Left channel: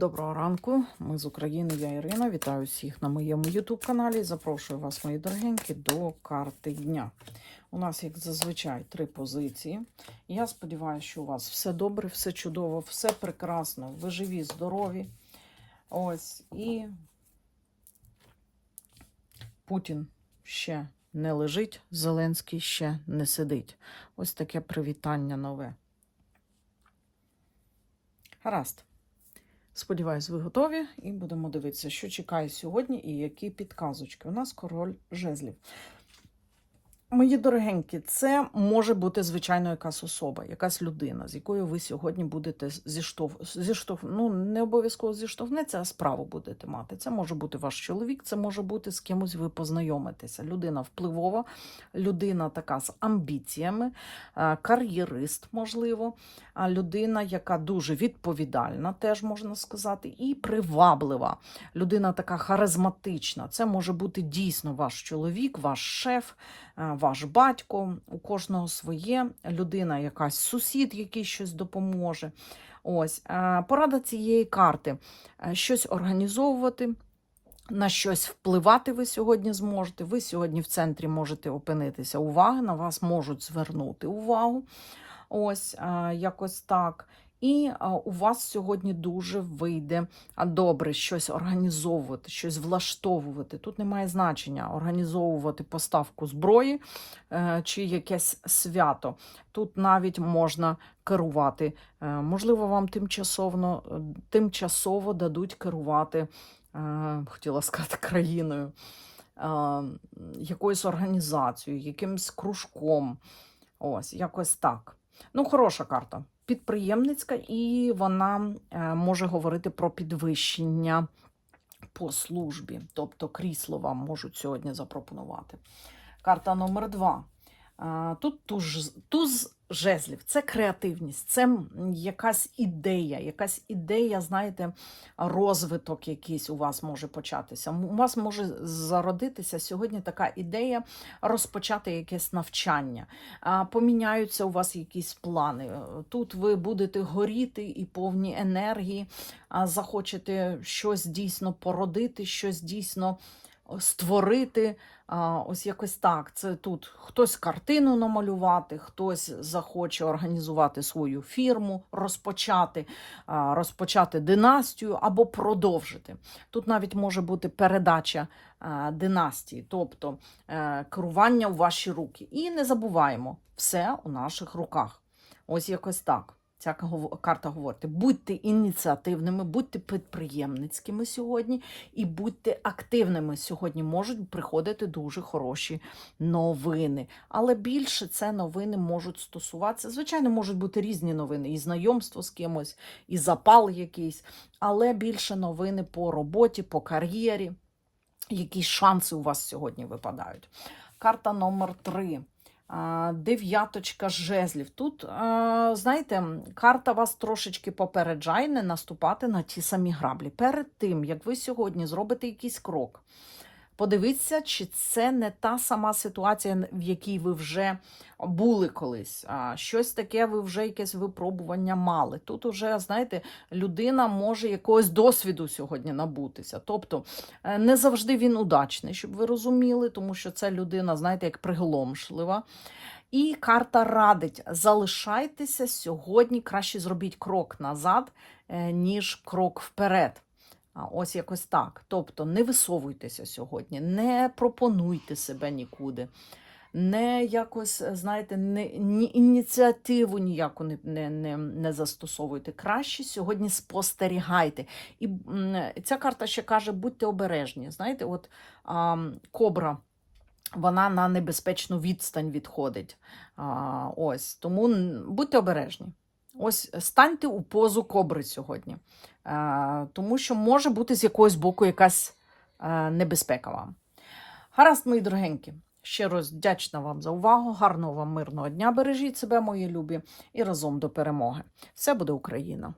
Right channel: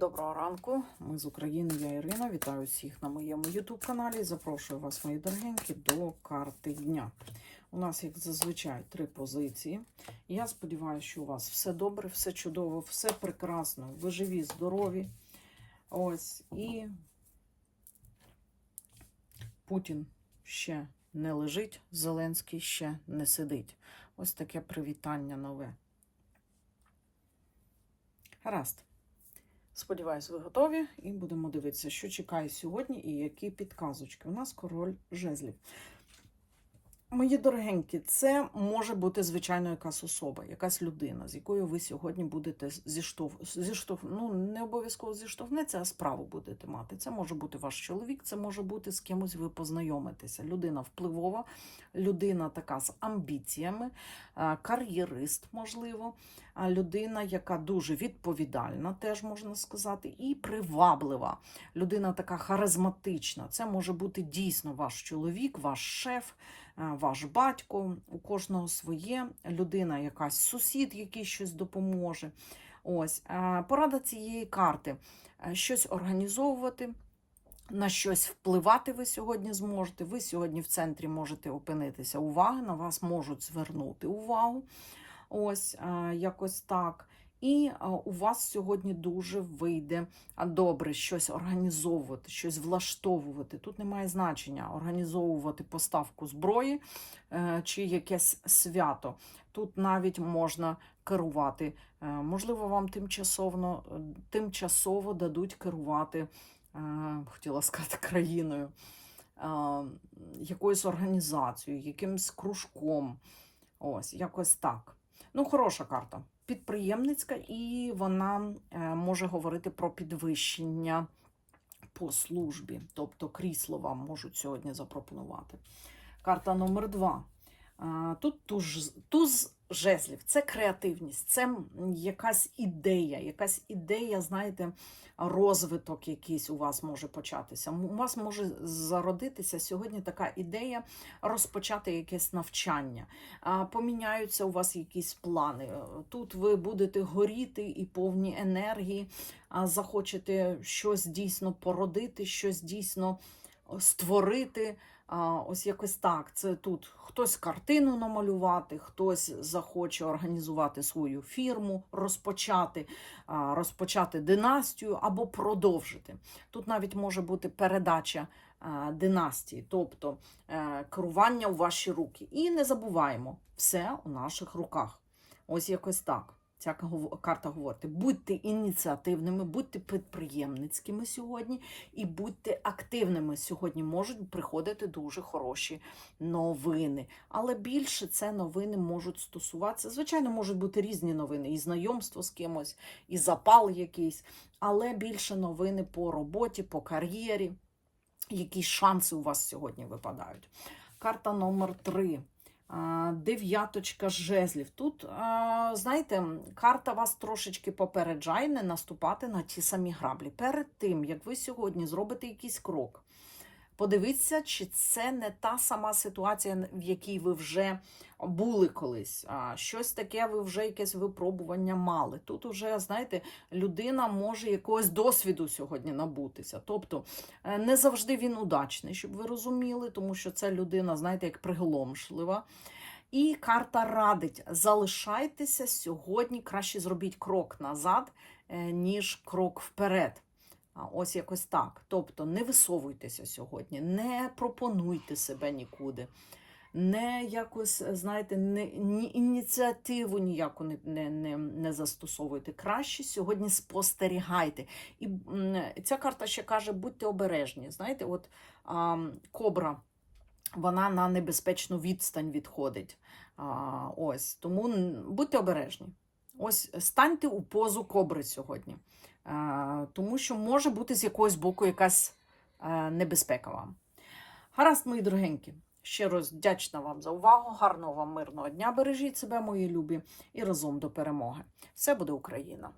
Доброго ранку, ми з України, я Ірина. Вітаю всіх на моєму YouTube каналі. Запрошую вас, мої дорогенькі, до карти дня. У нас, як зазвичай, три позиції. Я сподіваюся, що у вас все добре, все чудово, все прекрасно. Ви живі, здорові. Ось і Путін ще не лежить, Зеленський ще не сидить. Ось таке привітання нове. Гаразд. Сподіваюсь, ви готові, і будемо дивитися, що чекає сьогодні і які підказочки. У нас король жезлів. Мої дорогенькі, це може бути, звичайно, якась особа, якась людина, з якою ви сьогодні будете зіштов... зіштов... ну, не обов'язково зіштовхнеться, а справу будете мати. Це може бути ваш чоловік, це може бути з кимось ви познайомитеся. Людина впливова, людина така з амбіціями, е, кар'єрист, можливо, людина, яка дуже відповідальна, теж можна сказати, і приваблива. Людина така харизматична. Це може бути дійсно ваш чоловік, ваш шеф, ваш батько. У кожного своє людина, якась сусід, який щось допоможе. Ось е, порада цієї карти: Е, щось організовувати. На щось впливати ви сьогодні зможете. Ви сьогодні в центрі можете опинитися уваги, на вас можуть звернути увагу. Ось якось так. І у вас сьогодні дуже вийде добре щось організовувати, щось влаштовувати. Тут немає значення організовувати поставку зброї е, чи якесь свято. Тут навіть можна керувати. Е, можливо, вам тимчасово, тимчасово дадуть керувати, е, хотіла сказати, країною, е, якоюсь організацією, якимсь кружком. Ось, якось так. Ну, хороша карта. Підприємницька, і вона е, може говорити про підвищення по службі, тобто крісло вам можуть сьогодні запропонувати. Карта номер два. Тут туз, туз жезлів, це креативність, це якась ідея, якась ідея, знаєте, розвиток якийсь у вас може початися. У вас може зародитися сьогодні така ідея розпочати якесь навчання. Поміняються у вас якісь плани. Тут ви будете горіти і повні енергії, захочете щось дійсно породити, щось дійсно створити. Ось якось так. Це тут хтось картину намалювати, хтось захоче організувати свою фірму, розпочати, розпочати династію або продовжити. Тут навіть може бути передача династії, тобто е, керування у ваші руки. І не забуваємо, все у наших руках. Ось якось так. Ця карта говорить: будьте ініціативними, будьте підприємницькими сьогодні і будьте активними. Сьогодні можуть приходити дуже хороші новини. Але більше це новини можуть стосуватися. Звичайно, можуть бути різні новини, і знайомство з кимось, і запал якийсь, але більше новини по роботі, по кар'єрі. Які шанси у вас сьогодні випадають? Карта номер три. Дев'яточка жезлів. Тут, знаєте, карта вас трошечки попереджає не наступати на ті самі граблі. Перед тим, як ви сьогодні зробите якийсь крок, подивіться, чи це не та сама ситуація, в якій ви вже були колись. А, Щось таке, ви вже якесь випробування мали. Тут уже, знаєте, людина може якогось досвіду сьогодні набутися. Тобто е, не завжди він удачний, щоб ви розуміли, тому що це людина, знаєте, як приголомшлива. І карта радить: залишайтеся сьогодні, краще зробіть крок назад, е, ніж крок вперед. Ось якось так. Тобто не висовуйтеся сьогодні, не пропонуйте себе нікуди, не якось, знаєте, не, ні, ініціативу ніяку не, не, не, не застосовуйте. Краще сьогодні спостерігайте. І ця карта ще каже: будьте обережні. Знаєте, от а, кобра. Вона на небезпечну відстань відходить. А, ось тому будьте обережні. Ось станьте у позу кобри сьогодні, тому що може бути з якогось боку якась небезпека вам. Гаразд, мої дорогенькі. Ще раз вдячна вам за увагу. Гарного вам мирного дня. Бережіть себе, мої любі, і разом до перемоги. Все буде Україна!